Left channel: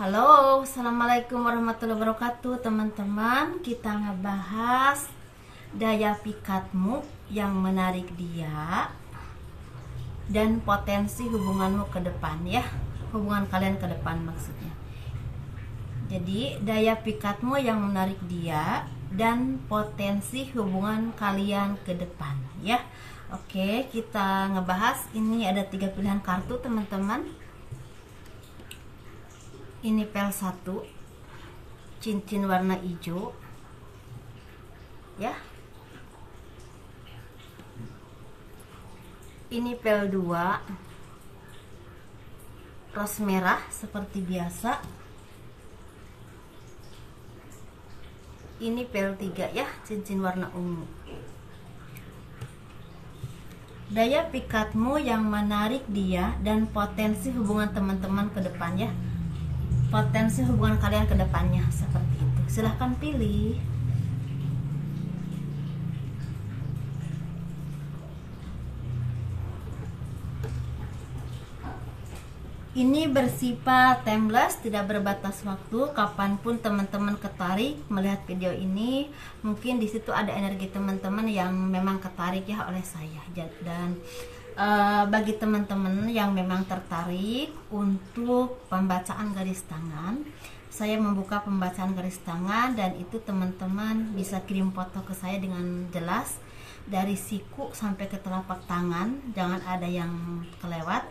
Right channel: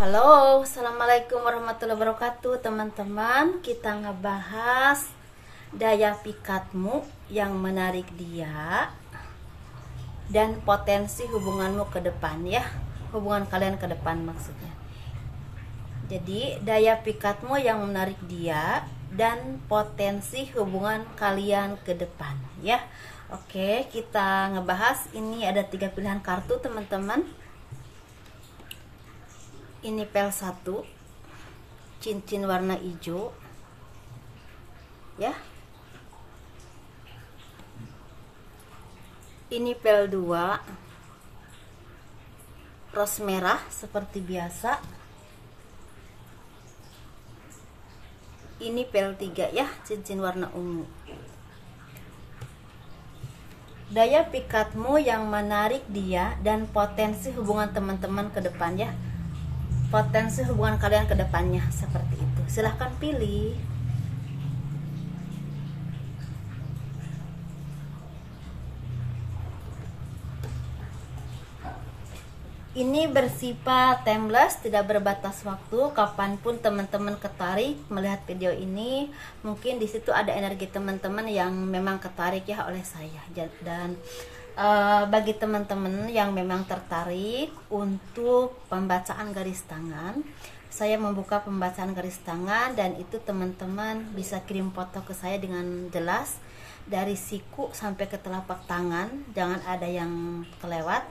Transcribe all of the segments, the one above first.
Halo, assalamualaikum warahmatullahi wabarakatuh teman-teman. Kita ngebahas daya pikatmu yang menarik dia dan potensi hubunganmu ke depan ya. Hubungan kalian ke depan maksudnya. Jadi daya pikatmu yang menarik dia dan potensi hubungan kalian ke depan ya. Oke, kita ngebahas. Ini ada 3 pilihan kartu teman-teman. Ini pel 1, cincin warna hijau ya. Ini pel 2, ros merah seperti biasa. Ini pel 3 ya, cincin warna ungu. Daya pikatmu yang menarik dia dan potensi hubungan teman-teman ke depan ya. Potensi hubungan kalian ke depannya seperti itu. Silahkan pilih. Ini bersifat timeless, tidak berbatas waktu. Kapanpun teman-teman ketarik melihat video ini, mungkin di situ ada energi teman-teman yang memang ketarik ya oleh saya. Dan bagi teman-teman yang memang tertarik untuk pembacaan garis tangan, saya membuka pembacaan garis tangan, dan itu teman-teman bisa kirim foto ke saya dengan jelas dari siku sampai ke telapak tangan, jangan ada yang kelewat.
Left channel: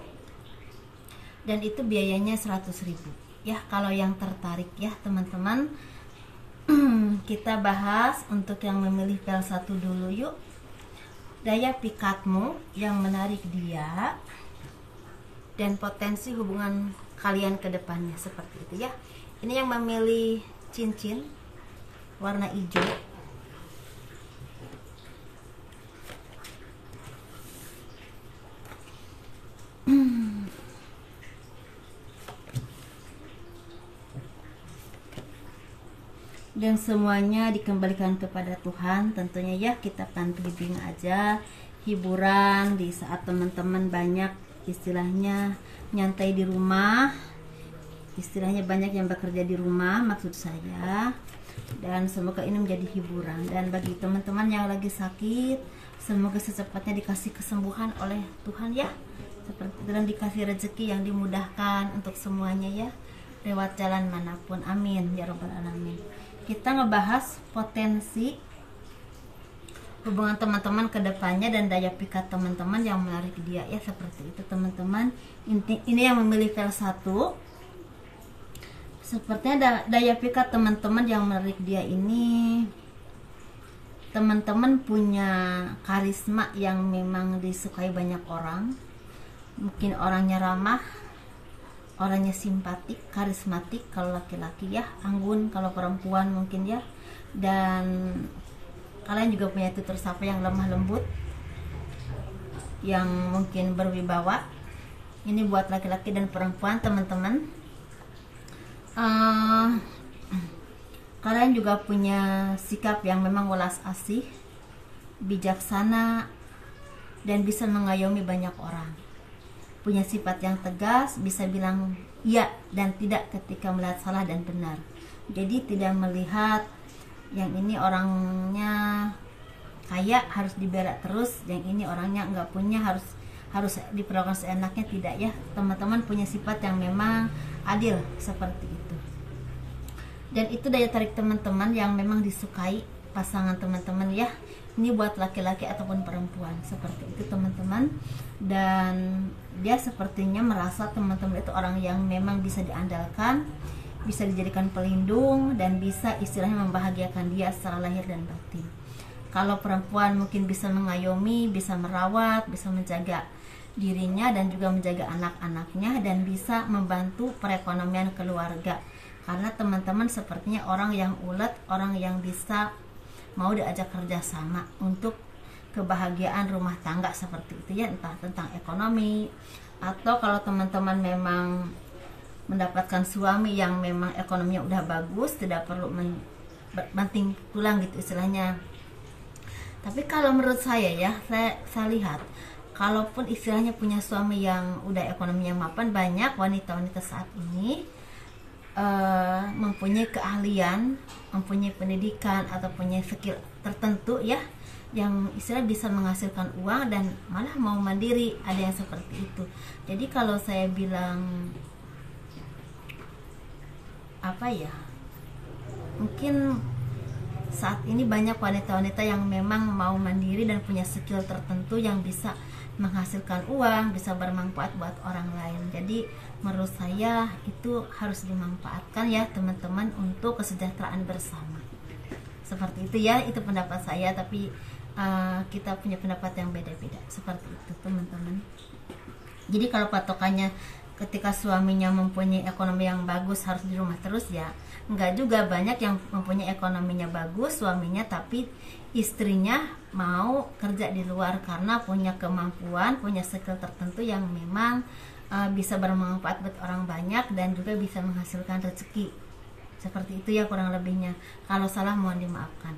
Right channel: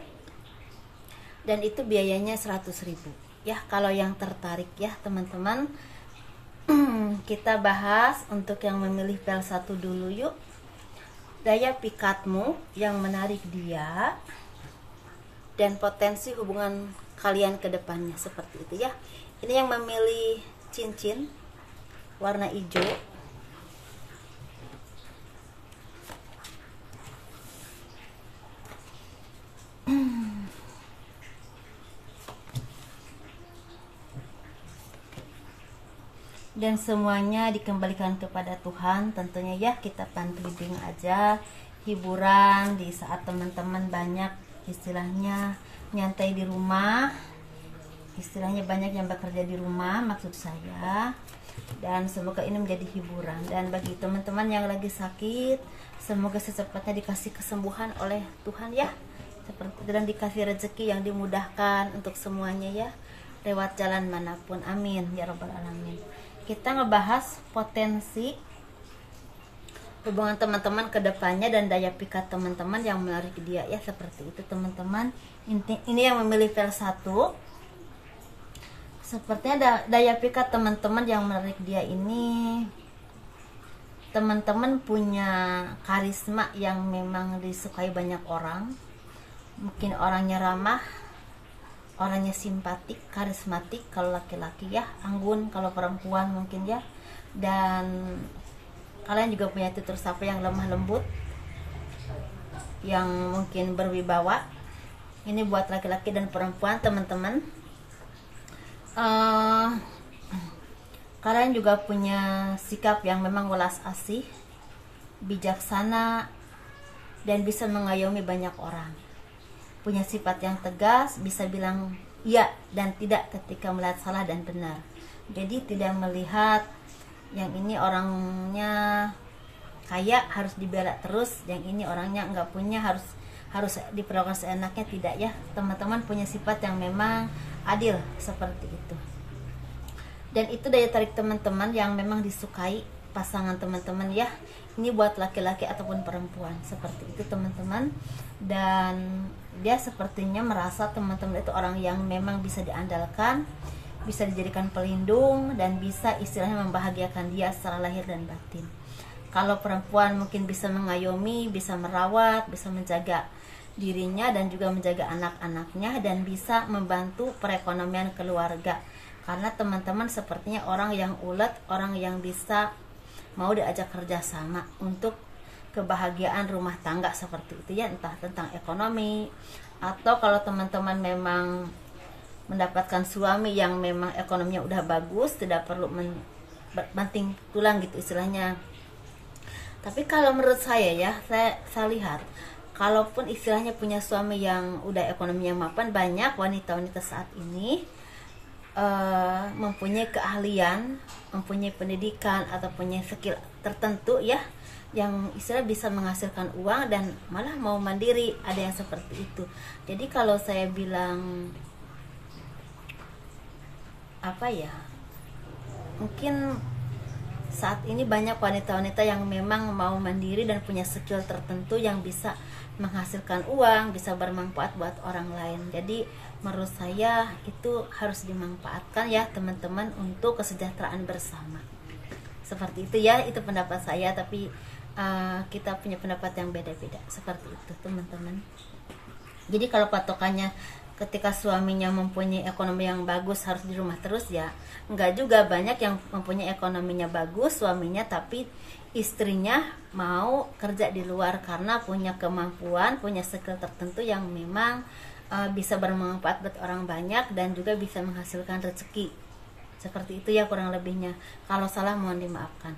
Dan itu biayanya 100.000 ya kalau yang tertarik ya teman-teman. Kita bahas untuk yang memilih pel 1 dulu yuk. Daya pikatmu yang menarik dia dan potensi hubungan kalian ke depannya seperti itu ya. Ini yang memilih cincin warna hijau. Dan semuanya dikembalikan kepada Tuhan tentunya ya. Kita pampling aja, hiburan di saat teman-teman banyak istilahnya nyantai di rumah, istilahnya banyak yang bekerja di rumah maksud saya. Dan semoga ini menjadi hiburan. Dan bagi teman-teman yang lagi sakit, semoga secepatnya dikasih kesembuhan oleh Tuhan ya, seperti dan dikasih rezeki yang dimudahkan untuk semuanya ya, lewat jalan manapun, amin ya robbal alamin. Kita ngebahas potensi hubungan teman-teman ke depannya dan daya pikat teman-teman yang menarik dia ya, seperti itu teman-teman. Ini yang memilih pel 1. Sepertinya daya pikat teman-teman yang menarik dia ini, teman-teman punya karisma yang memang disukai banyak orang. Mungkin orangnya ramah, orangnya simpatik, karismatik kalau laki-laki ya, anggun kalau perempuan mungkin ya. Dan kalian juga punya tutur sapa yang lemah lembut, yang mungkin berwibawa. Ini buat laki-laki dan perempuan teman-teman. Kalian juga punya sikap yang memang welas asih, bijaksana, dan bisa mengayomi banyak orang. Punya sifat yang tegas, bisa bilang iya dan tidak ketika melihat salah dan benar. Jadi tidak melihat yang ini orangnya kaya harus dibela terus, yang ini orangnya nggak punya harus diperlakukan seenaknya, tidak ya. Teman-teman punya sifat yang memang adil seperti itu. Dan itu daya tarik teman-teman yang memang disukai pasangan teman-teman ya. Ini buat laki-laki ataupun perempuan seperti itu teman-teman. Dan dia sepertinya merasa teman-teman itu orang yang memang bisa diandalkan, bisa dijadikan pelindung, dan bisa istilahnya membahagiakan dia secara lahir dan batin. Kalau perempuan mungkin bisa mengayomi, bisa merawat, bisa menjaga dirinya dan juga menjaga anak-anaknya, dan bisa membantu perekonomian keluarga. Karena teman-teman sepertinya orang yang ulet, orang yang bisa mau diajak kerjasama untuk kebahagiaan rumah tangga seperti itu ya, entah tentang ekonomi, atau kalau teman-teman memang mendapatkan suami yang memang ekonominya udah bagus, tidak perlu banting tulang gitu istilahnya. Tapi kalau menurut saya ya, saya lihat kalaupun istilahnya punya suami yang udah ekonominya mapan, banyak wanita-wanita saat ini mempunyai keahlian, mempunyai pendidikan atau punya skill tertentu ya, yang istilah bisa menghasilkan uang dan malah mau mandiri, ada yang seperti itu. Jadi kalau saya bilang apa ya, mungkin saat ini banyak wanita-wanita yang memang mau mandiri dan punya skill tertentu yang bisa menghasilkan uang, bisa bermanfaat buat orang lain. Jadi menurut saya itu harus dimanfaatkan ya teman-teman untuk kesejahteraan bersama. Seperti itu ya, itu pendapat saya, tapi kita punya pendapat yang beda-beda. Seperti itu teman-teman. Jadi kalau patokannya ketika suaminya mempunyai ekonomi yang bagus harus di rumah terus, ya enggak juga. Banyak yang mempunyai ekonominya bagus suaminya, tapi istrinya mau kerja di luar karena punya kemampuan, punya skill tertentu yang memang bisa bermanfaat buat orang banyak dan juga bisa menghasilkan rezeki. Seperti itu ya kurang lebihnya. Kalau salah mohon dimaafkan.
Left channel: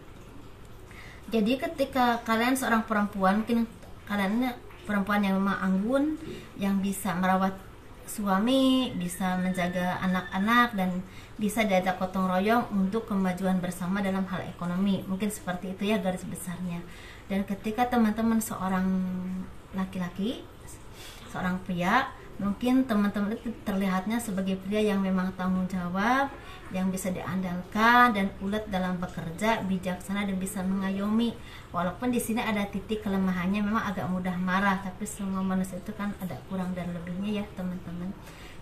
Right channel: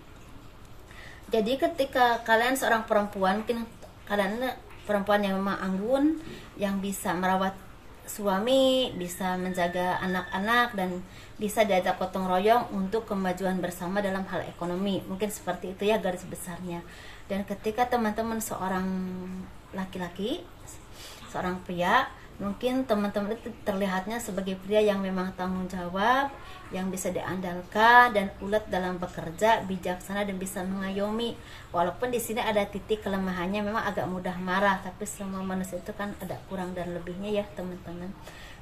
Jadi ketika kalian seorang perempuan, mungkin kalian perempuan yang memang anggun, yang bisa merawat suami, bisa menjaga anak-anak, dan bisa diajak gotong royong untuk kemajuan bersama dalam hal ekonomi. Mungkin seperti itu ya garis besarnya. Dan ketika teman-teman seorang laki-laki, seorang pria, mungkin teman-teman itu terlihatnya sebagai pria yang memang tanggung jawab, yang bisa diandalkan dan ulet dalam bekerja, bijaksana dan bisa mengayomi. Walaupun di sini ada titik kelemahannya, memang agak mudah marah, tapi semua manusia itu kan ada kurang dan lebihnya ya teman-teman.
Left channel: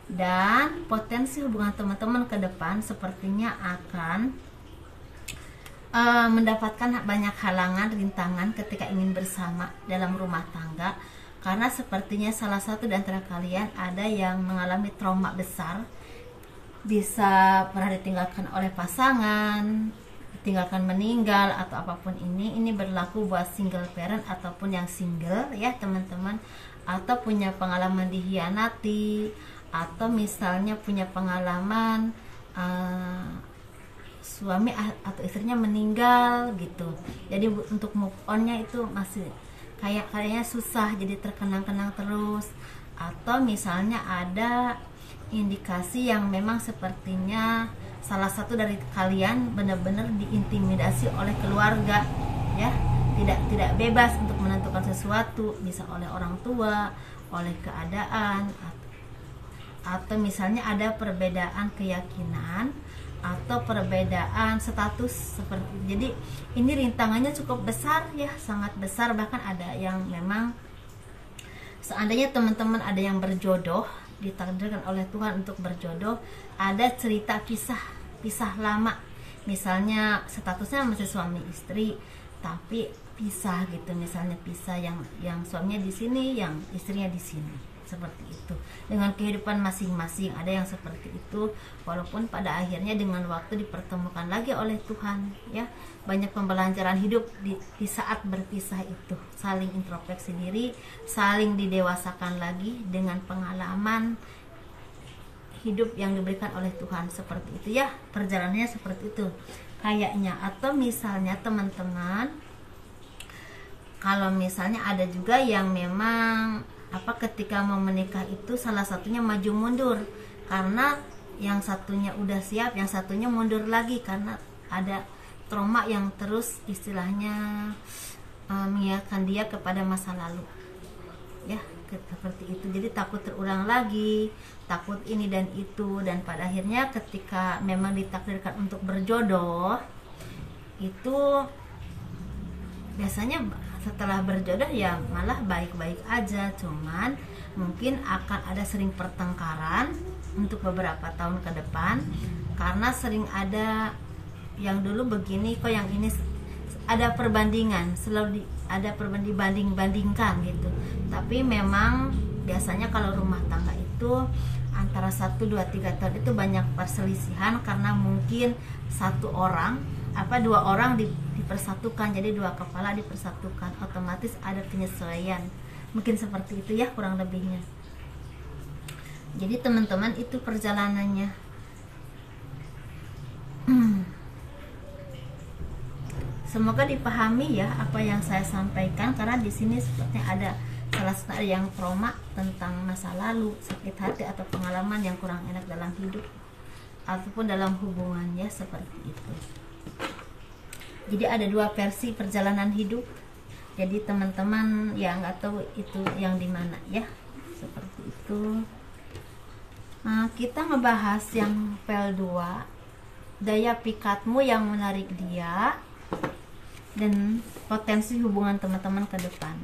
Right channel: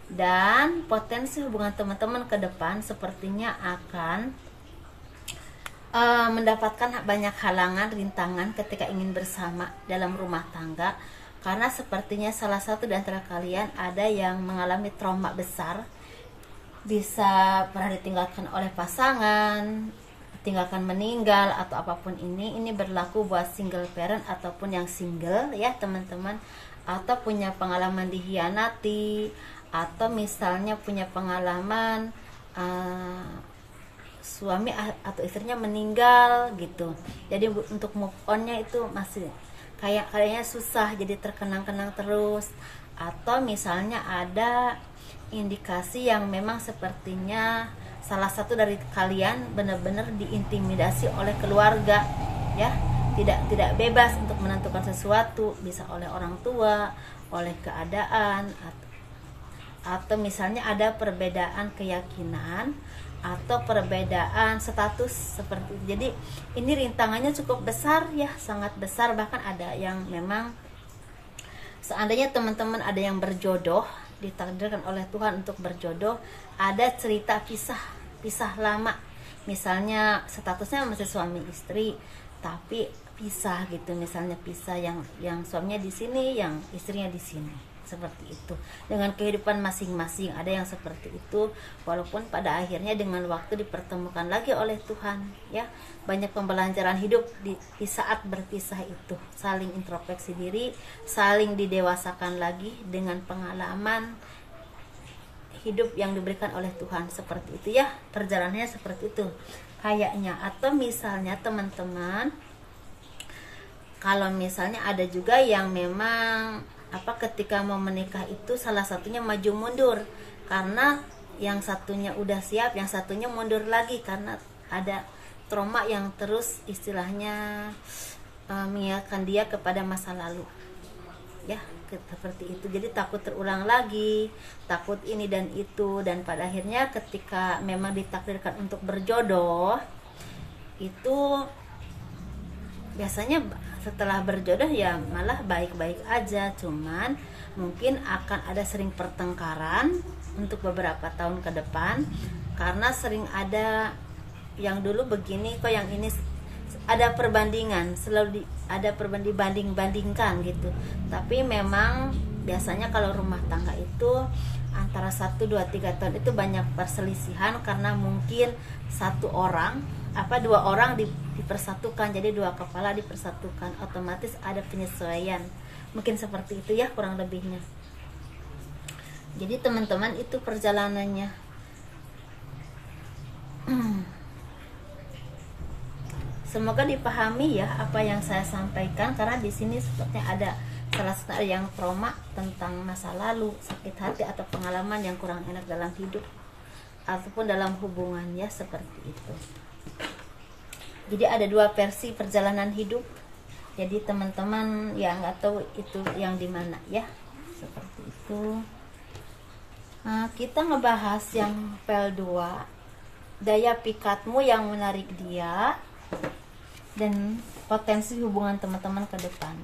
Dan potensi hubungan teman-teman ke depan sepertinya akan mendapatkan banyak halangan, rintangan ketika ingin bersama dalam rumah tangga, karena sepertinya salah satu di antara kalian ada yang mengalami trauma besar, bisa pernah ditinggalkan oleh pasangan, ditinggalkan meninggal atau apapun. Ini berlaku buat single parent ataupun yang single ya teman-teman, atau punya pengalaman dikhianati, atau misalnya punya pengalaman suami atau istrinya meninggal gitu. Jadi untuk move onnya itu masih kayaknya susah, jadi terkenang-kenang terus. Atau misalnya ada indikasi yang memang sepertinya salah satu dari kalian benar-benar diintimidasi oleh keluarga ya, tidak bebas untuk menentukan sesuatu, bisa oleh orang tua, oleh keadaan, atau misalnya ada perbedaan keyakinan atau perbedaan status seperti. Jadi ini rintangannya cukup besar ya, sangat besar. Bahkan ada yang memang seandainya teman-teman ada yang berjodoh, ditakdirkan oleh Tuhan untuk berjodoh, ada cerita pisah lama, misalnya statusnya masih suami istri tapi pisah gitu, misalnya pisah yang suaminya di sini, yang istrinya di sini, seperti itu, dengan kehidupan masing-masing. Ada yang seperti itu, walaupun pada akhirnya dengan waktu dipertemukan lagi oleh Tuhan ya. Banyak pembelajaran hidup di saat berpisah itu, saling introspeksi diri, saling didewasakan lagi dengan pengalaman hidup yang diberikan oleh Tuhan. Seperti itu ya, perjalanannya seperti itu kayaknya. Atau misalnya teman-teman, kalau misalnya ada juga yang memang ketika mau menikah itu salah satunya maju mundur, karena yang satunya udah siap, yang satunya mundur lagi karena ada trauma yang terus istilahnya mengingatkan dia kepada masa lalu ya, seperti itu. Jadi takut terulang lagi, takut ini dan itu, dan pada akhirnya ketika memang ditakdirkan untuk berjodoh itu biasanya setelah berjodoh ya malah baik-baik aja, cuman mungkin akan ada sering pertengkaran untuk beberapa tahun ke depan, karena sering ada yang dulu begini kok yang ini, ada perbandingan, selalu ada banding-bandingkan gitu. Tapi memang biasanya kalau rumah tangga itu antara 1, 2, 3 tahun itu banyak perselisihan, karena mungkin dua orang dipersatukan, jadi dua kepala dipersatukan, otomatis ada penyesuaian. Mungkin seperti itu ya kurang lebihnya. Jadi teman-teman itu perjalanannya. Semoga dipahami ya apa yang saya sampaikan, karena di sini sepertinya ada salah satu yang trauma tentang masa lalu, sakit hati atau pengalaman yang kurang enak dalam hidup, ataupun dalam hubungan, ya seperti itu. Jadi ada dua versi perjalanan hidup. Jadi teman-teman yang nggak tahu itu yang di mana, ya seperti itu. Nah, kita ngebahas yang pel 2, daya pikatmu yang menarik dia dan potensi hubungan teman-teman ke depan.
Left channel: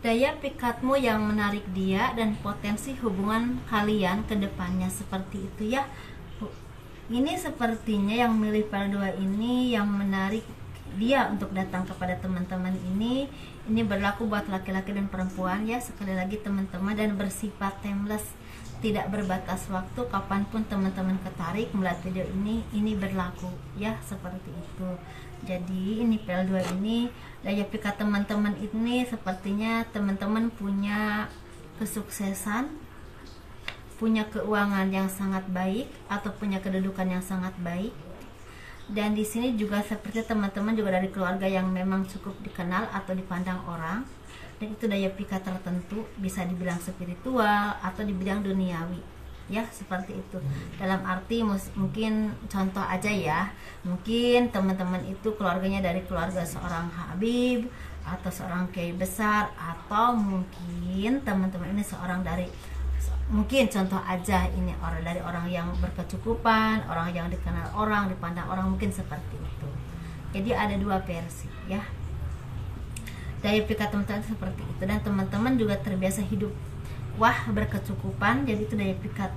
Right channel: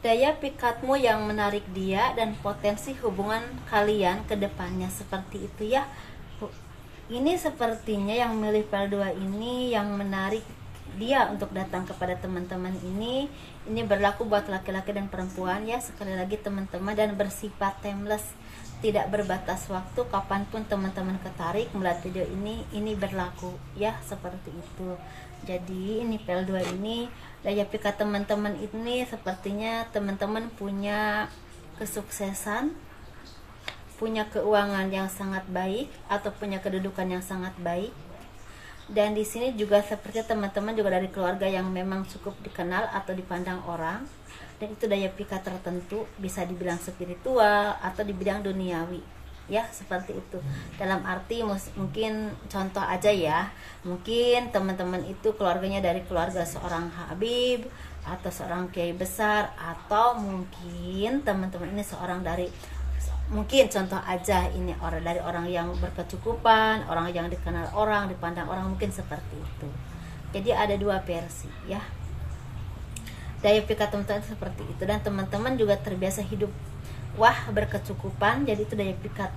Daya pikatmu yang menarik dia dan potensi hubungan kalian ke depannya, seperti itu ya. Ini sepertinya yang memilih pel 2 ini yang menarik dia untuk datang kepada teman-teman ini. Ini berlaku buat laki-laki dan perempuan, ya. Sekali lagi teman-teman, dan bersifat timeless, tidak berbatas waktu. Kapanpun teman-teman ketarik melihat video ini berlaku, ya seperti itu. Jadi ini pel 2 ini, daya pikat teman-teman ini sepertinya teman-teman punya kesuksesan, punya keuangan yang sangat baik, atau punya kedudukan yang sangat baik. Dan di sini juga seperti teman-teman juga dari keluarga yang memang cukup dikenal atau dipandang orang. Dan itu daya pikat tertentu, bisa dibilang spiritual atau di bidang duniawi, ya seperti itu. Dalam arti mungkin contoh aja ya, mungkin teman-teman itu keluarganya dari keluarga seorang habib atau seorang kiai besar, atau mungkin teman-teman ini seorang dari, mungkin contoh aja ini orang dari orang yang berkecukupan, orang yang dikenal orang, dipandang orang, mungkin seperti itu. Jadi ada dua versi, ya. Daya pikat teman-teman seperti itu, dan teman-teman juga terbiasa hidup berkecukupan. Jadi itu daya pikat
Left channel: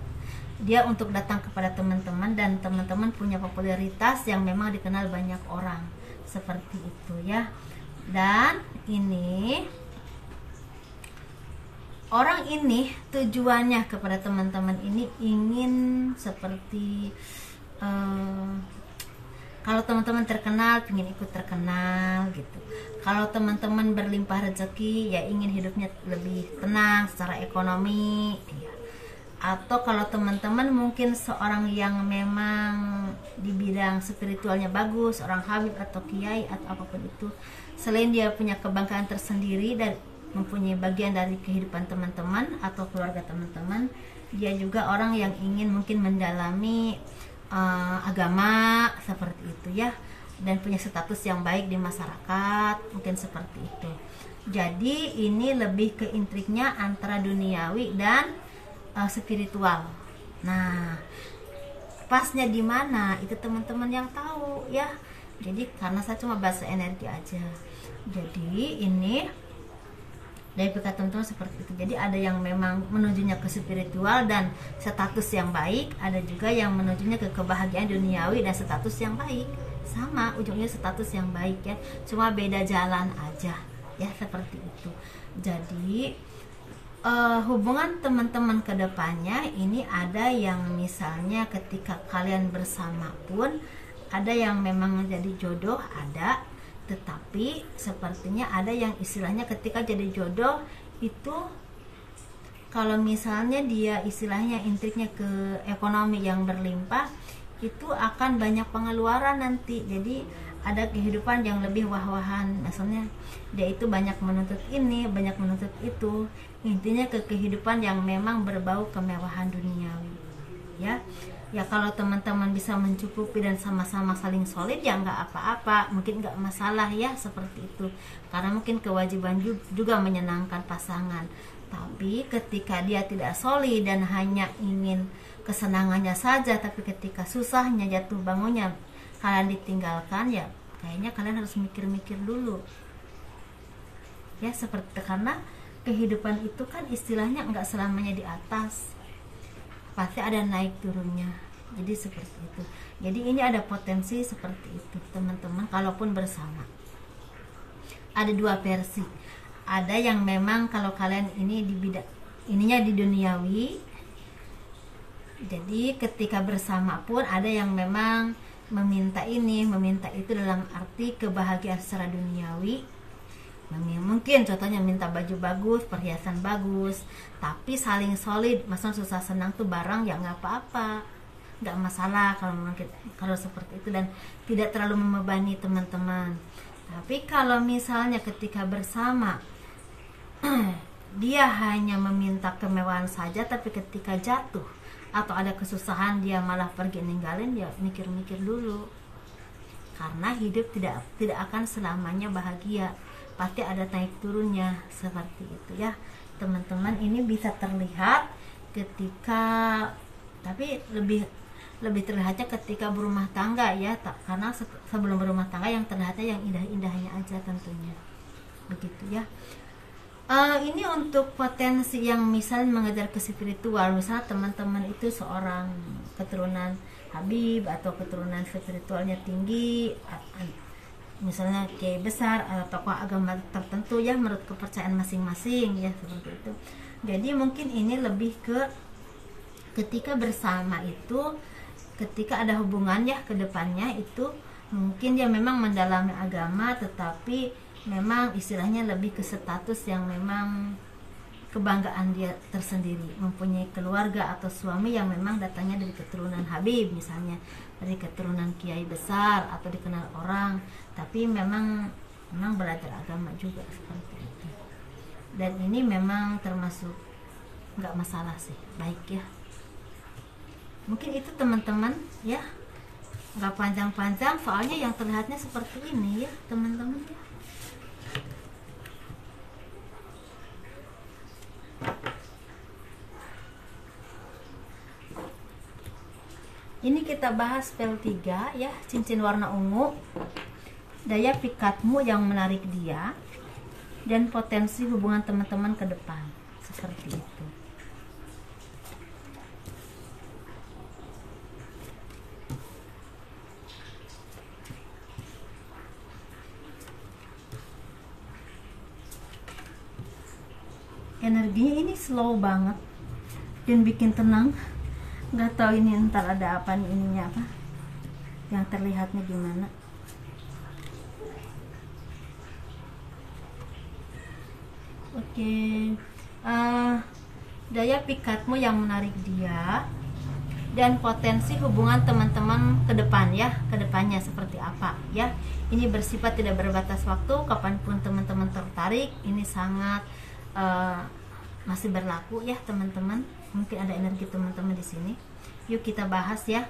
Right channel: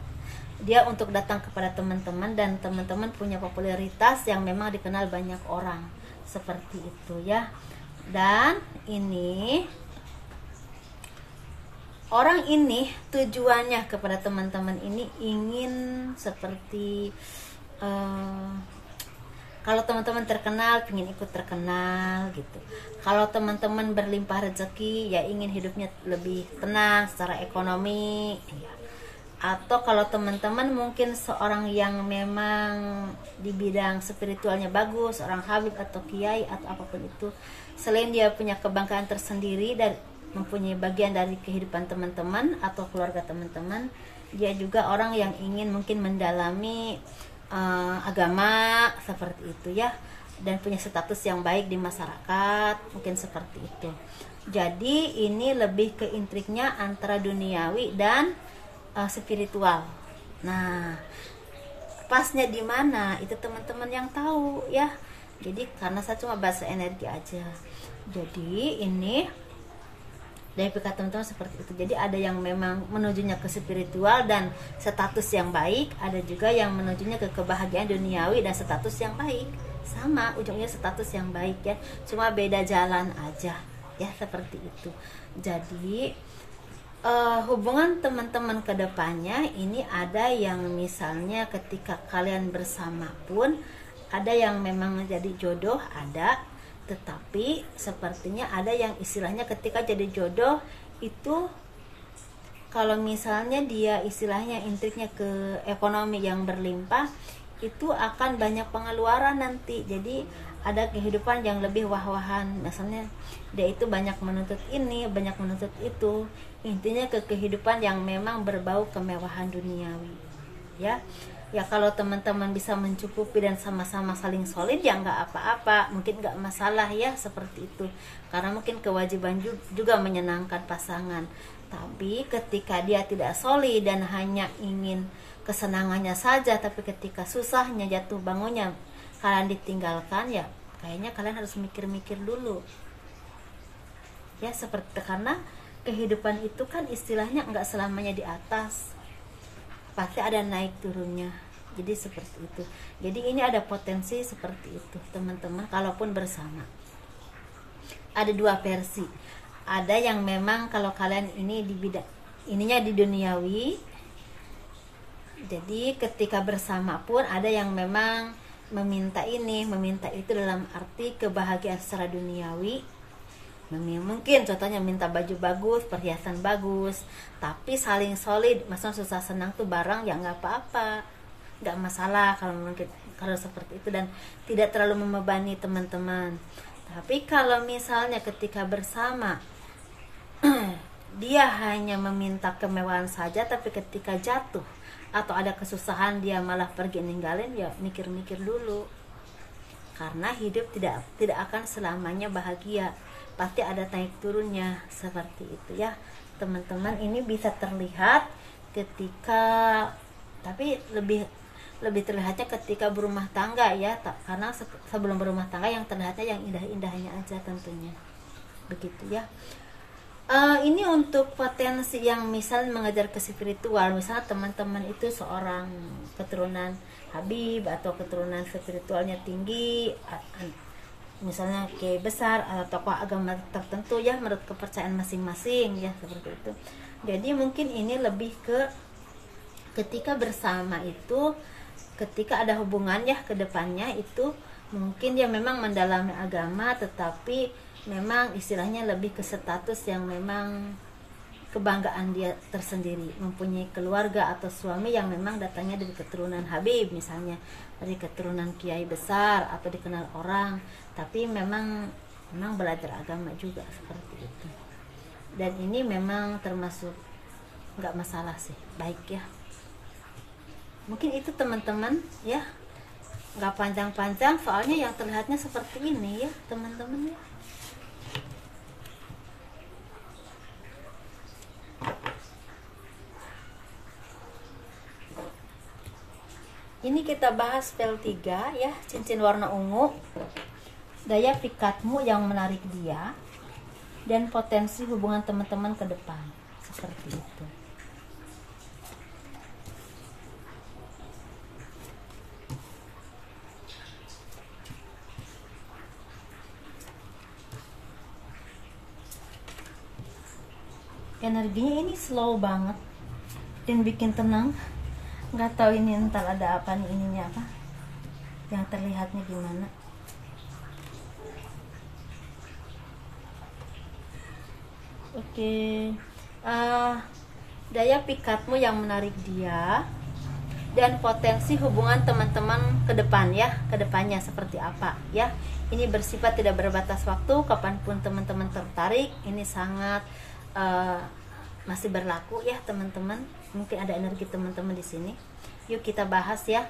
dia untuk datang kepada teman-teman, dan teman-teman punya popularitas yang memang dikenal banyak orang, seperti itu ya. Dan ini orang ini tujuannya kepada teman-teman ini ingin seperti kalau teman-teman terkenal, ingin ikut terkenal gitu. Kalau teman-teman berlimpah rezeki, ya ingin hidupnya lebih tenang secara ekonomi, ya. Atau kalau teman-teman mungkin seorang yang memang di bidang spiritualnya bagus, orang habib atau kiai atau apapun itu, selain dia punya kebanggaan tersendiri dan mempunyai bagian dari kehidupan teman-teman atau keluarga teman-teman, dia juga orang yang ingin mungkin mendalami agama, seperti itu ya, dan punya status yang baik di masyarakat, mungkin seperti itu. Jadi ini lebih ke intriknya antara duniawi dan spiritual. Nah, pasnya di mana itu teman-teman yang tahu ya. Jadi karena saya cuma bahasa energi aja. Jadi ini dari pikat teman-teman seperti itu. Jadi ada yang memang menujunya ke spiritual dan status yang baik, ada juga yang menujunya ke kebahagiaan duniawi dan status yang baik. Sama, ujungnya status yang baik ya, cuma beda jalan aja ya, seperti itu. Jadi hubungan teman-teman ke depannya ini ada yang misalnya ketika kalian bersama pun ada yang memang menjadi jodoh, ada. Tetapi sepertinya ada yang istilahnya ketika jadi jodoh itu, kalau misalnya dia istilahnya intriknya ke ekonomi yang berlimpah, itu akan banyak pengeluaran nanti. Jadi ada kehidupan yang lebih wah-wahan, misalnya dia itu banyak menuntut ini, banyak menuntut itu, intinya ke kehidupan yang memang berbau kemewahan duniawi ya. Ya kalau teman-teman bisa mencukupi dan sama-sama saling solid, ya nggak apa-apa, mungkin nggak masalah ya, seperti itu. Karena mungkin kewajiban juga menyenangkan pasangan. Tapi ketika dia tidak solid dan hanya ingin kesenangannya saja, tapi ketika susahnya, jatuh bangunnya kalian ditinggalkan, ya kayaknya kalian harus mikir-mikir dulu. Ya seperti itu, karena kehidupan itu kan istilahnya nggak selamanya di atas, pasti ada naik turunnya. Jadi seperti itu. Jadi ini ada potensi seperti itu teman-teman, kalaupun bersama. Ada dua versi. Ada yang memang kalau kalian ini di bidang ininya di duniawi, jadi ketika bersama pun ada yang memang meminta ini, meminta itu, dalam arti kebahagiaan secara duniawi Mungkin contohnya minta baju bagus, perhiasan bagus, tapi saling solid, maksudnya susah senang tuh bareng ya nggak apa-apa, nggak masalah kalau mungkin kalau seperti itu, dan tidak terlalu membebani teman-teman. Tapi kalau misalnya ketika bersama dia hanya meminta kemewahan saja, tapi ketika jatuh atau ada kesusahan dia malah pergi ninggalin, ya mikir-mikir dulu, karena hidup tidak akan selamanya bahagia, pasti ada naik turunnya seperti itu ya teman-teman. Ini bisa terlihat ketika, tapi lebih terlihatnya ketika berumah tangga ya, karena sebelum berumah tangga yang terlihatnya yang indah-indahnya aja tentunya, begitu ya. Ini untuk potensi yang misal mengejar ke spiritual, misalnya teman-teman itu seorang keturunan Habib atau keturunan spiritualnya tinggi, misalnya kiai besar atau tokoh agama tertentu ya, menurut kepercayaan masing-masing ya, seperti itu. Jadi mungkin ini lebih ke ketika bersama itu, ketika ada hubungan ya ke depannya itu, mungkin dia memang mendalami agama, tetapi memang istilahnya lebih ke status yang memang kebanggaan dia tersendiri, mempunyai keluarga atau suami yang memang datangnya dari keturunan Habib, misalnya dari keturunan kiai besar atau dikenal orang, tapi memang belajar agama juga seperti itu. Dan ini memang termasuk nggak masalah sih, baik ya. Mungkin itu teman-teman ya, nggak panjang-panjang, soalnya yang terlihatnya seperti ini ya teman-teman ya. Ini kita bahas spell 3 ya, cincin warna ungu, daya pikatmu yang menarik dia, dan potensi hubungan teman-teman ke depan, seperti itu. Energinya ini slow banget dan bikin tenang. Nggak tahu ini ntar ada apa nih, ininya apa yang terlihatnya gimana. Oke. Daya pikatmu yang menarik dia, dan potensi hubungan teman-teman ke depan ya, ke depannya seperti apa ya. Ini bersifat tidak berbatas waktu, kapanpun teman-teman tertarik, ini sangat masih berlaku ya teman-teman. Mungkin ada energi teman-teman di sini. Yuk kita bahas ya.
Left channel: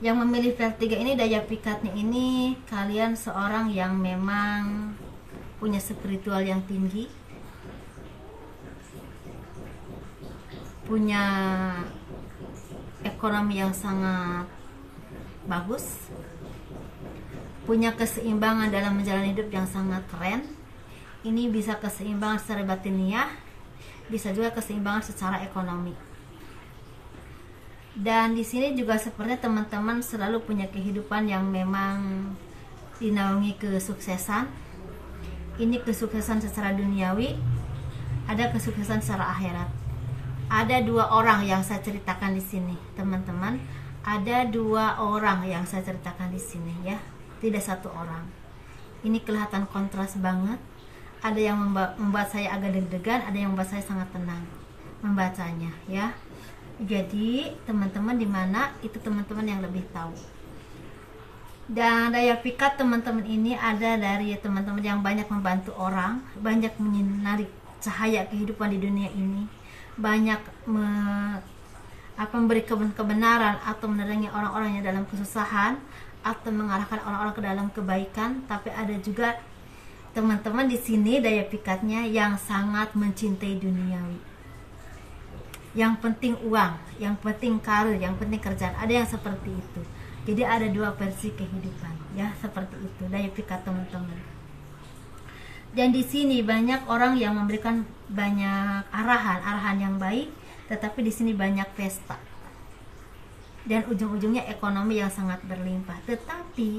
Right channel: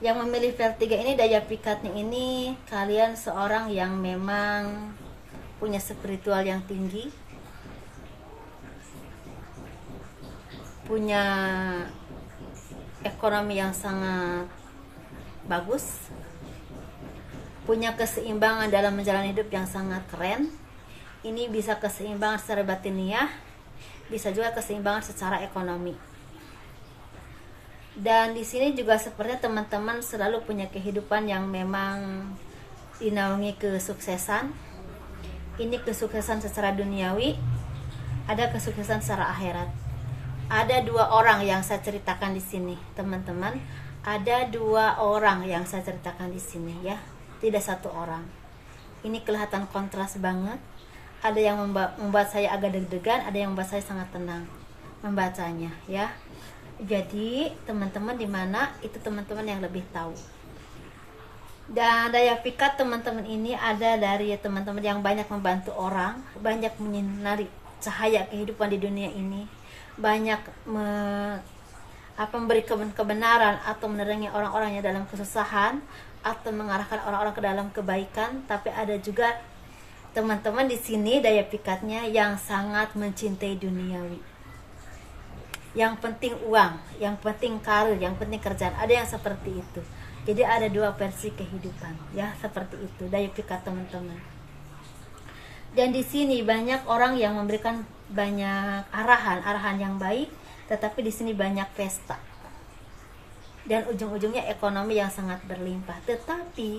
Yang memilih feel 3 ini, daya pikatnya ini, kalian seorang yang memang punya spiritual yang tinggi, punya ekonomi yang sangat bagus, punya keseimbangan dalam menjalani hidup yang sangat keren. Ini bisa keseimbangan secara batiniah, bisa juga keseimbangan secara ekonomi. Dan di sini juga sepertinya teman-teman selalu punya kehidupan yang memang dinaungi kesuksesan. Ini kesuksesan secara duniawi, ada kesuksesan secara akhirat. Ada 2 orang yang saya ceritakan di sini, teman-teman. Ada 2 orang yang saya ceritakan di sini ya, tidak 1 orang. Ini kelihatan kontras banget. Ada yang membuat saya agak deg-degan, ada yang membuat saya sangat tenang membacanya ya. Jadi teman-teman di mana itu teman-teman yang lebih tahu. Dan daya pikat teman-teman ini ada dari teman-teman yang banyak membantu orang, banyak menyinari cahaya kehidupan di dunia ini, banyak memberi kebenaran atau menerangi orang-orang yang dalam kesusahan, atau mengarahkan orang-orang ke dalam kebaikan. Tapi ada juga teman-teman di sini daya pikatnya yang sangat mencintai duniawi. Yang penting uang, yang penting karir, yang penting kerjaan. Ada yang seperti itu. Jadi ada 2 versi kehidupan, ya seperti itu daya pikat teman-teman. Dan di sini banyak orang yang memberikan banyak arahan yang baik, tetapi di sini banyak pesta. Dan ujung-ujungnya ekonomi yang sangat berlimpah. Tetapi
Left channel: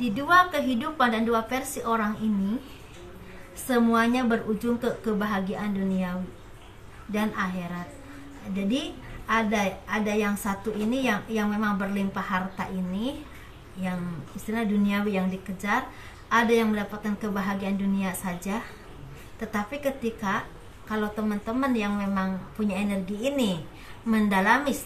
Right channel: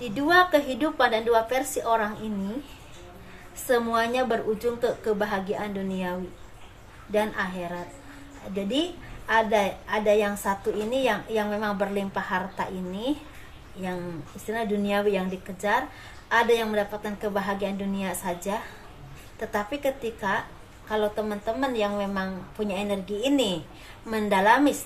di 2 kehidupan dan 2 versi orang ini, semuanya berujung ke kebahagiaan duniawi dan akhirat. Jadi ada yang satu ini yang memang berlimpah harta ini, yang istilah duniawi yang dikejar. ada yang mendapatkan kebahagiaan dunia saja, tetapi ketika kalau teman-teman yang memang punya energi ini mendalami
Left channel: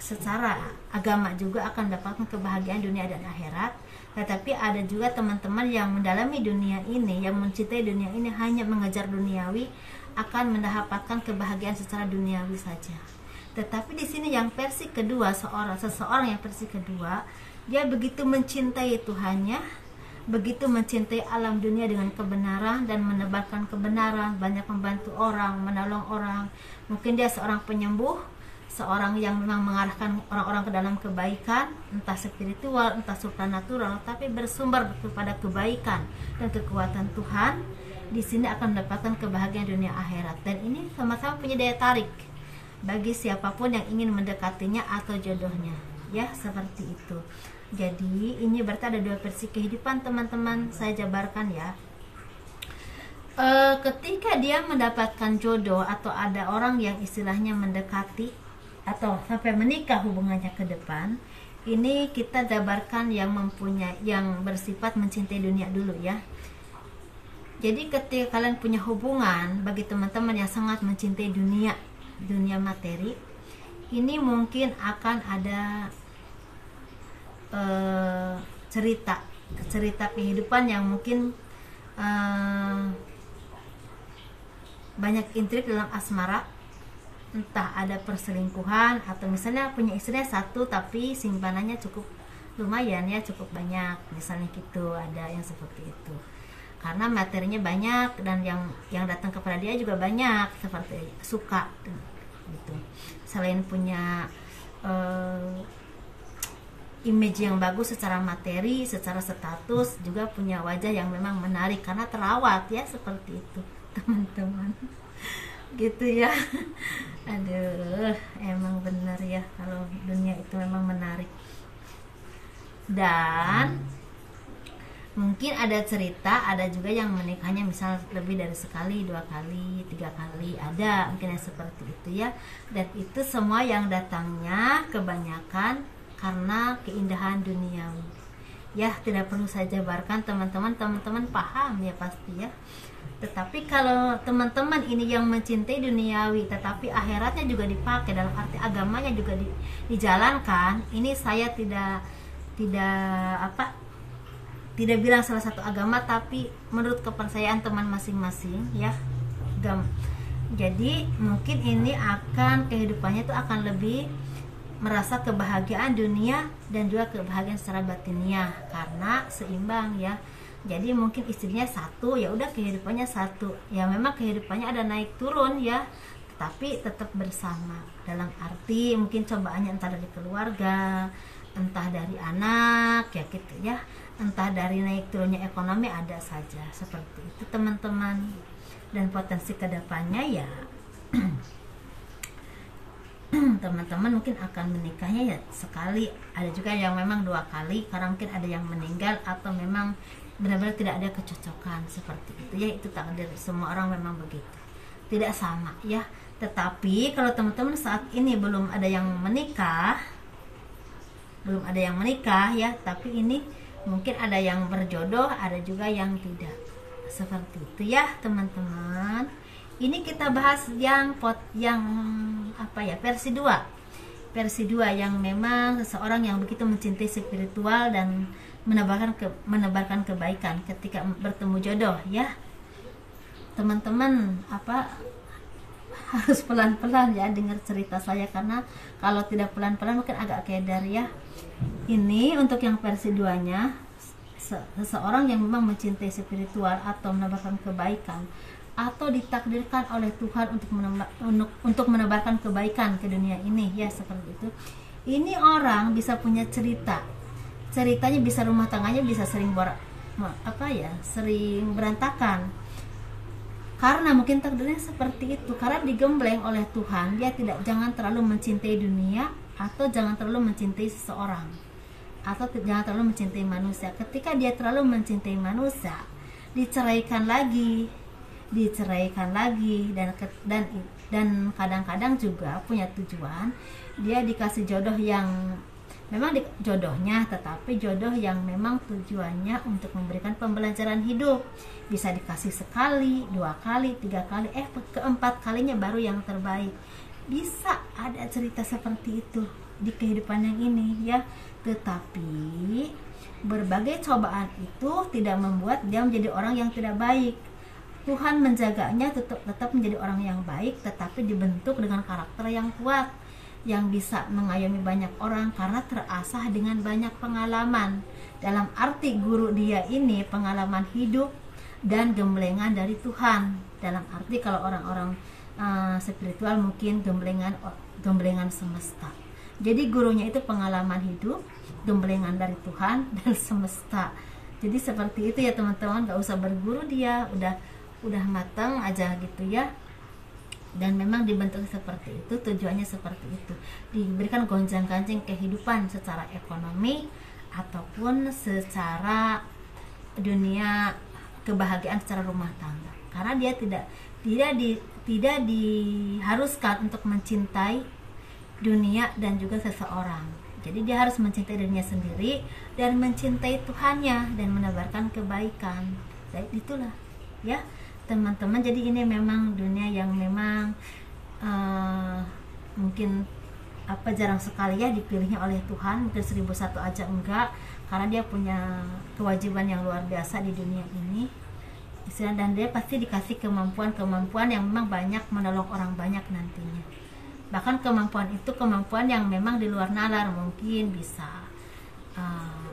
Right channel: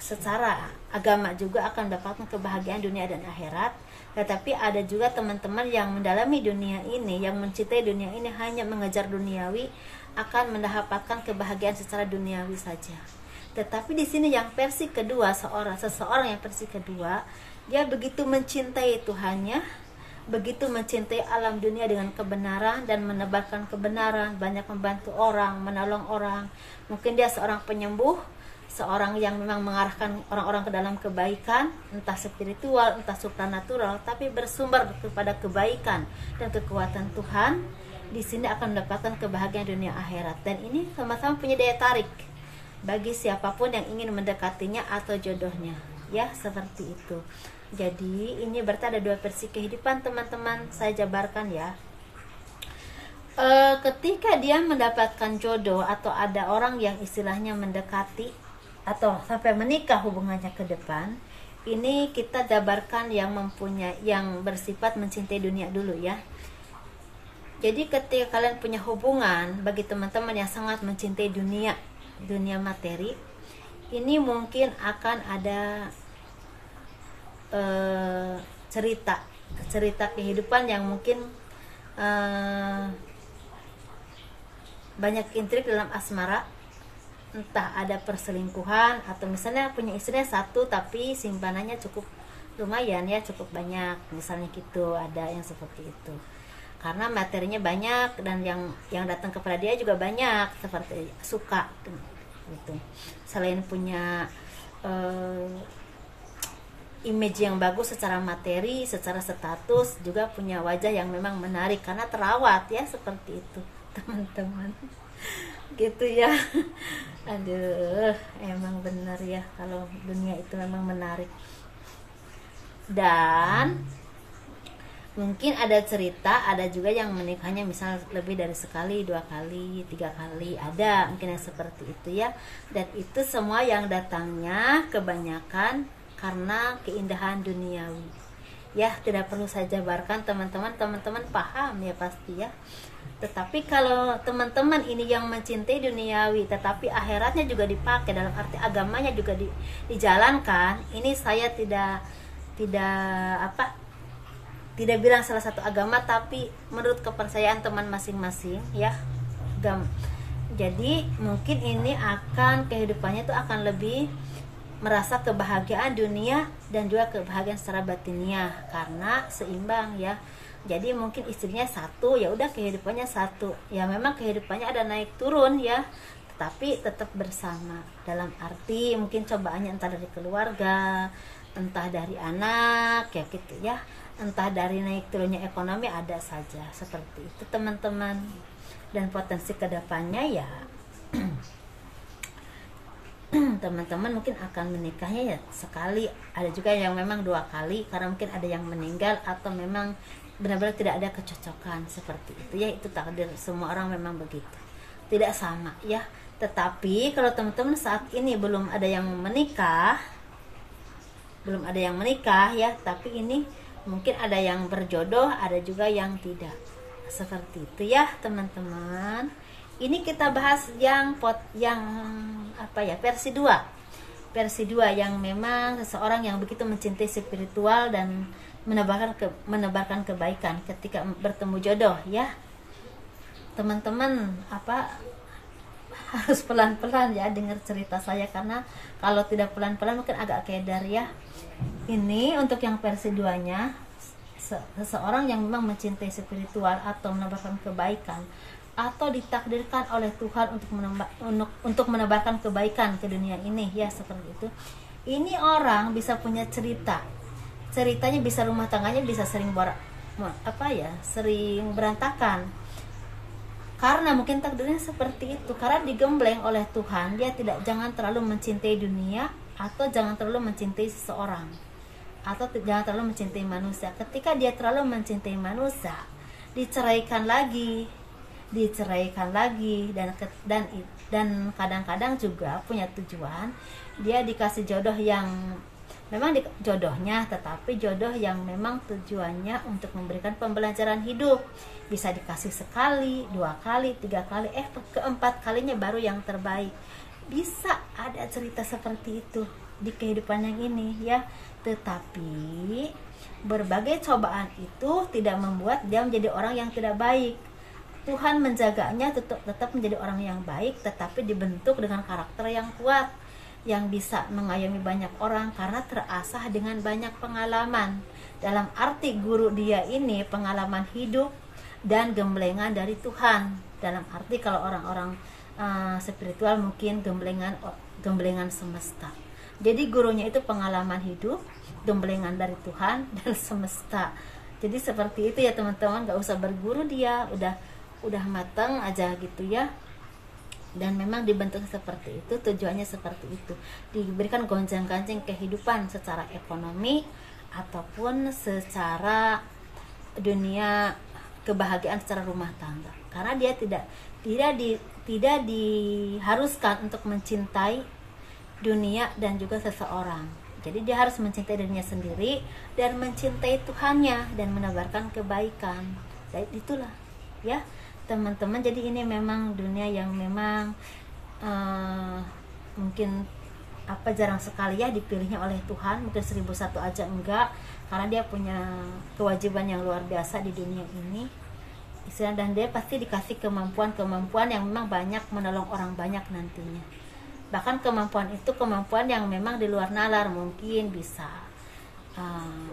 secara agama juga akan mendapatkan kebahagiaan dunia dan akhirat. Tetapi ada juga teman-teman yang mendalami dunia ini, yang mencintai dunia ini hanya mengejar duniawi, akan mendapatkan kebahagiaan secara duniawi saja. Tetapi di sini yang versi kedua, seseorang yang versi kedua, dia begitu mencintai Tuhannya, begitu mencintai alam dunia dengan kebenaran dan menebarkan kebenaran, banyak membantu orang, menolong orang. Mungkin dia seorang penyembuh, seorang yang memang mengarahkan orang-orang ke dalam kebaikan, entah spiritual, entah supranatural, tapi bersumber kepada kebaikan dan kekuatan Tuhan. Di sini akan mendapatkan kebahagiaan dunia akhirat, dan ini sama-sama punya daya tarik bagi siapapun yang ingin mendekatinya atau jodohnya, ya, seperti itu. Jadi ini berarti ada dua versi kehidupan, teman-teman. Saya jabarkan ya. Ketika dia mendapatkan jodoh atau ada orang yang istilahnya mendekati atau sampai menikah hubungannya ke depan, ini kita jabarkan yang bersifat mencintai dunia dulu ya. Jadi ketika kalian punya hubungan, bagi teman-teman yang sangat mencintai dunia materi, ini mungkin akan ada cerita kehidupan yang mungkin banyak intrik dalam asmara, entah ada perselingkuhan atau misalnya punya istrinya satu tapi simpanannya cukup lumayan ya, cukup banyak, misalnya gitu, ada yang seperti itu. Karena materinya banyak dan yang datang kepada dia juga banyak, seperti suka gitu. Selain punya image yang bagus secara materi, secara status, juga punya wajah yang memang menarik karena terawat ya, seperti itu teman-teman. Gitu ya. Aduh, emang bener ya kalau dunia itu memang menarik. Dan mungkin ada cerita, ada juga yang menikahnya misal lebih dari sekali, 2 kali, 3 kali, ada mungkin yang seperti itu ya. Dan itu semua yang datangnya kebanyakan karena keindahan duniawi ya. Tidak perlu saya jabarkan, teman-teman paham ya pasti ya. Tetapi kalau teman-teman ini yang mencintai duniawi tetapi akhiratnya juga dipakai, dalam arti agamanya juga dijalankan, ini saya tidak bilang salah satu agama, tapi menurut kepercayaan teman masing-masing ya. Jadi mungkin ini akan kehidupannya itu akan lebih merasa kebahagiaan dunia dan juga kebahagiaan secara batiniah karena seimbang ya. Jadi mungkin istrinya satu, ya udah kehidupannya satu. Ya memang kehidupannya ada naik turun ya, tapi tetap bersama. Dalam arti mungkin cobaannya entah dari keluarga, entah dari anak ya gitu ya, entah dari naik turunnya ekonomi, ada saja seperti itu teman-teman. Dan potensi kedepannya ya teman-teman mungkin akan menikahnya ya sekali, ada juga yang memang 2 kali karena mungkin ada yang meninggal atau memang benar-benar tidak ada kecocokan, seperti itu ya. Itu takdir, semua orang memang begitu, tidak sama ya. Tetapi kalau teman-teman saat ini belum ada yang menikah ya, tapi ini mungkin ada yang berjodoh, ada juga yang tidak, seperti itu ya teman-teman. Ini kita bahas versi 2 yang memang seseorang yang begitu mencintai spiritual dan menebarkan kebaikan ketika bertemu jodoh ya teman-teman. Harus pelan-pelan ya dengar cerita saya, karena kalau tidak pelan-pelan mungkin agak keder ya. Ini untuk yang versi 2-nya, seseorang yang memang mencintai spiritual atau menebarkan kebaikan atau ditakdirkan oleh Tuhan untuk menebarkan kebaikan ke dunia ini ya, seperti itu. Ini orang bisa punya ceritanya bisa, rumah tangganya bisa sering sering berantakan karena mungkin takdirnya seperti itu, karena digembleng oleh Tuhan. Dia jangan terlalu mencintai dunia atau jangan terlalu mencintai seseorang atau jangan terlalu mencintai manusia. Ketika dia terlalu mencintai manusia, diceraikan lagi dan kadang-kadang juga punya tujuan, dia dikasih jodoh yang memang jodohnya, tetapi jodoh yang memang tujuannya untuk memberikan pembelajaran hidup. Bisa dikasih sekali, 2 kali, 3 kali, keempat kalinya baru yang terbaik. Bisa ada cerita seperti itu di kehidupan yang ini ya. Tetapi berbagai cobaan itu tidak membuat dia menjadi orang yang tidak baik. Tuhan menjaganya tetap menjadi orang yang baik, tetapi dibentuk dengan karakter yang kuat, yang bisa mengayomi banyak orang karena terasah dengan banyak pengalaman. Dalam arti guru dia ini pengalaman hidup dan gemblengan dari Tuhan. Dalam arti kalau orang-orang spiritual mungkin gemblengan semesta. Jadi gurunya itu pengalaman hidup, gemblengan dari Tuhan dan semesta. Jadi seperti itu ya teman-teman, gak usah berguru, dia udah matang aja gitu ya. Dan memang dibentuk seperti itu, tujuannya seperti itu, diberikan gonjang-ganjing kehidupan secara ekonomi ataupun secara dunia, kebahagiaan secara rumah tangga. Karena dia tidak diharuskan untuk mencintai dunia dan juga seseorang. Jadi dia harus mencintai dirinya sendiri dan mencintai Tuhannya dan menebarkan kebaikan. Jadi itulah ya teman-teman. Jadi ini memang dunia yang memang mungkin jarang sekali ya dipilihnya oleh Tuhan. Mungkin 1001 aja enggak, karena dia punya kewajiban yang luar biasa di dunia ini. Dan dia pasti dikasih kemampuan yang memang banyak, menolong orang banyak nantinya. Bahkan kemampuan itu kemampuan yang memang di luar nalar, mungkin bisa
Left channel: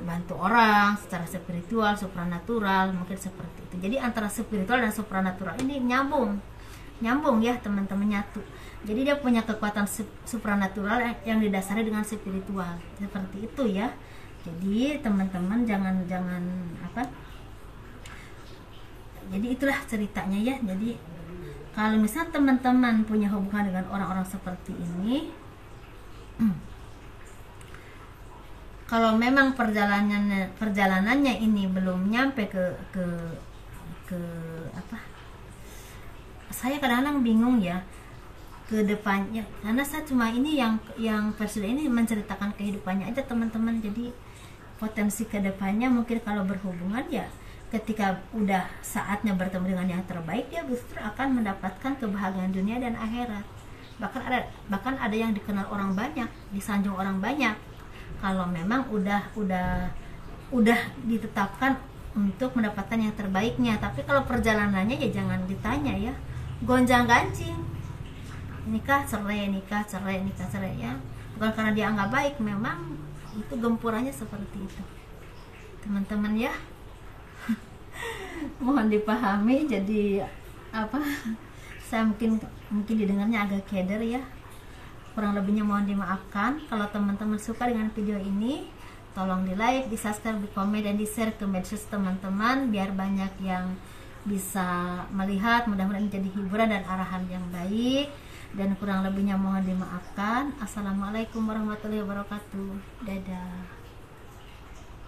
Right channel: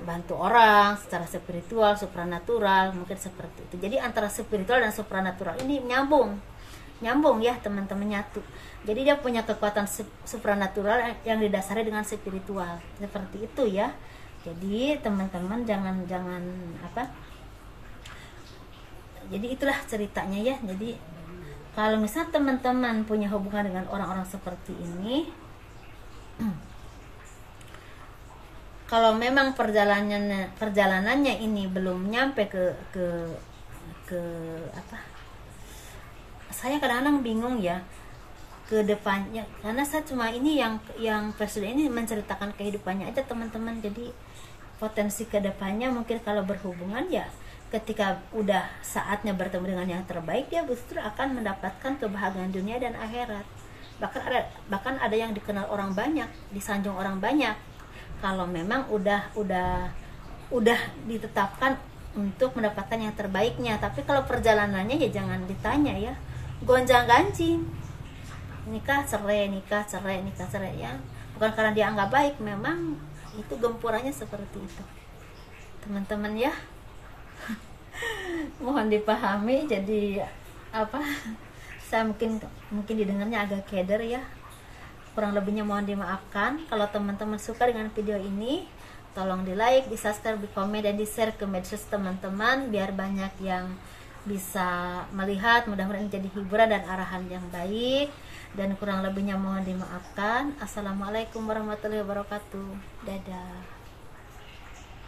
bantu orang secara spiritual, supranatural, mungkin seperti itu. Jadi antara spiritual dan supranatural ini nyambung ya teman-teman, nyatu. Jadi dia punya kekuatan supranatural yang didasari dengan spiritual, seperti itu ya. Jadi teman-teman jangan jadi itulah ceritanya ya. Jadi kalau misalnya teman-teman punya hubungan dengan orang-orang seperti ini, kalau memang perjalanannya ini belum nyampe ke saya kadang-kadang bingung ya ke depannya, karena saya cuma ini yang presiden ini menceritakan kehidupannya aja teman-teman. Jadi potensi ke depannya mungkin kalau berhubungan ya, ketika udah saatnya bertemu dengan yang terbaik, dia justru akan mendapatkan kebahagiaan dunia dan akhirat. Bahkan ada yang dikenal orang banyak, disanjung orang banyak, kalau memang udah ditetapkan untuk mendapatkan yang terbaiknya. Tapi kalau perjalanannya ya jangan ditanya ya, gonjang-ganjing, nikah cerai ya, bukan karena dia nggak baik, memang itu gempurannya seperti itu teman-teman ya. Mohon dipahami. Jadi saya mungkin didengarnya agak keder ya, kurang lebihnya mohon dimaafkan. Kalau teman-teman suka dengan video ini, tolong di like, di subscribe, di komen, dan di share ke medsos teman-teman biar banyak yang bisa melihat. Mudah-mudahan jadi hiburan dan arahan yang baik, dan kurang lebihnya mohon dimaafkan. Assalamualaikum warahmatullahi wabarakatuh. Dadah.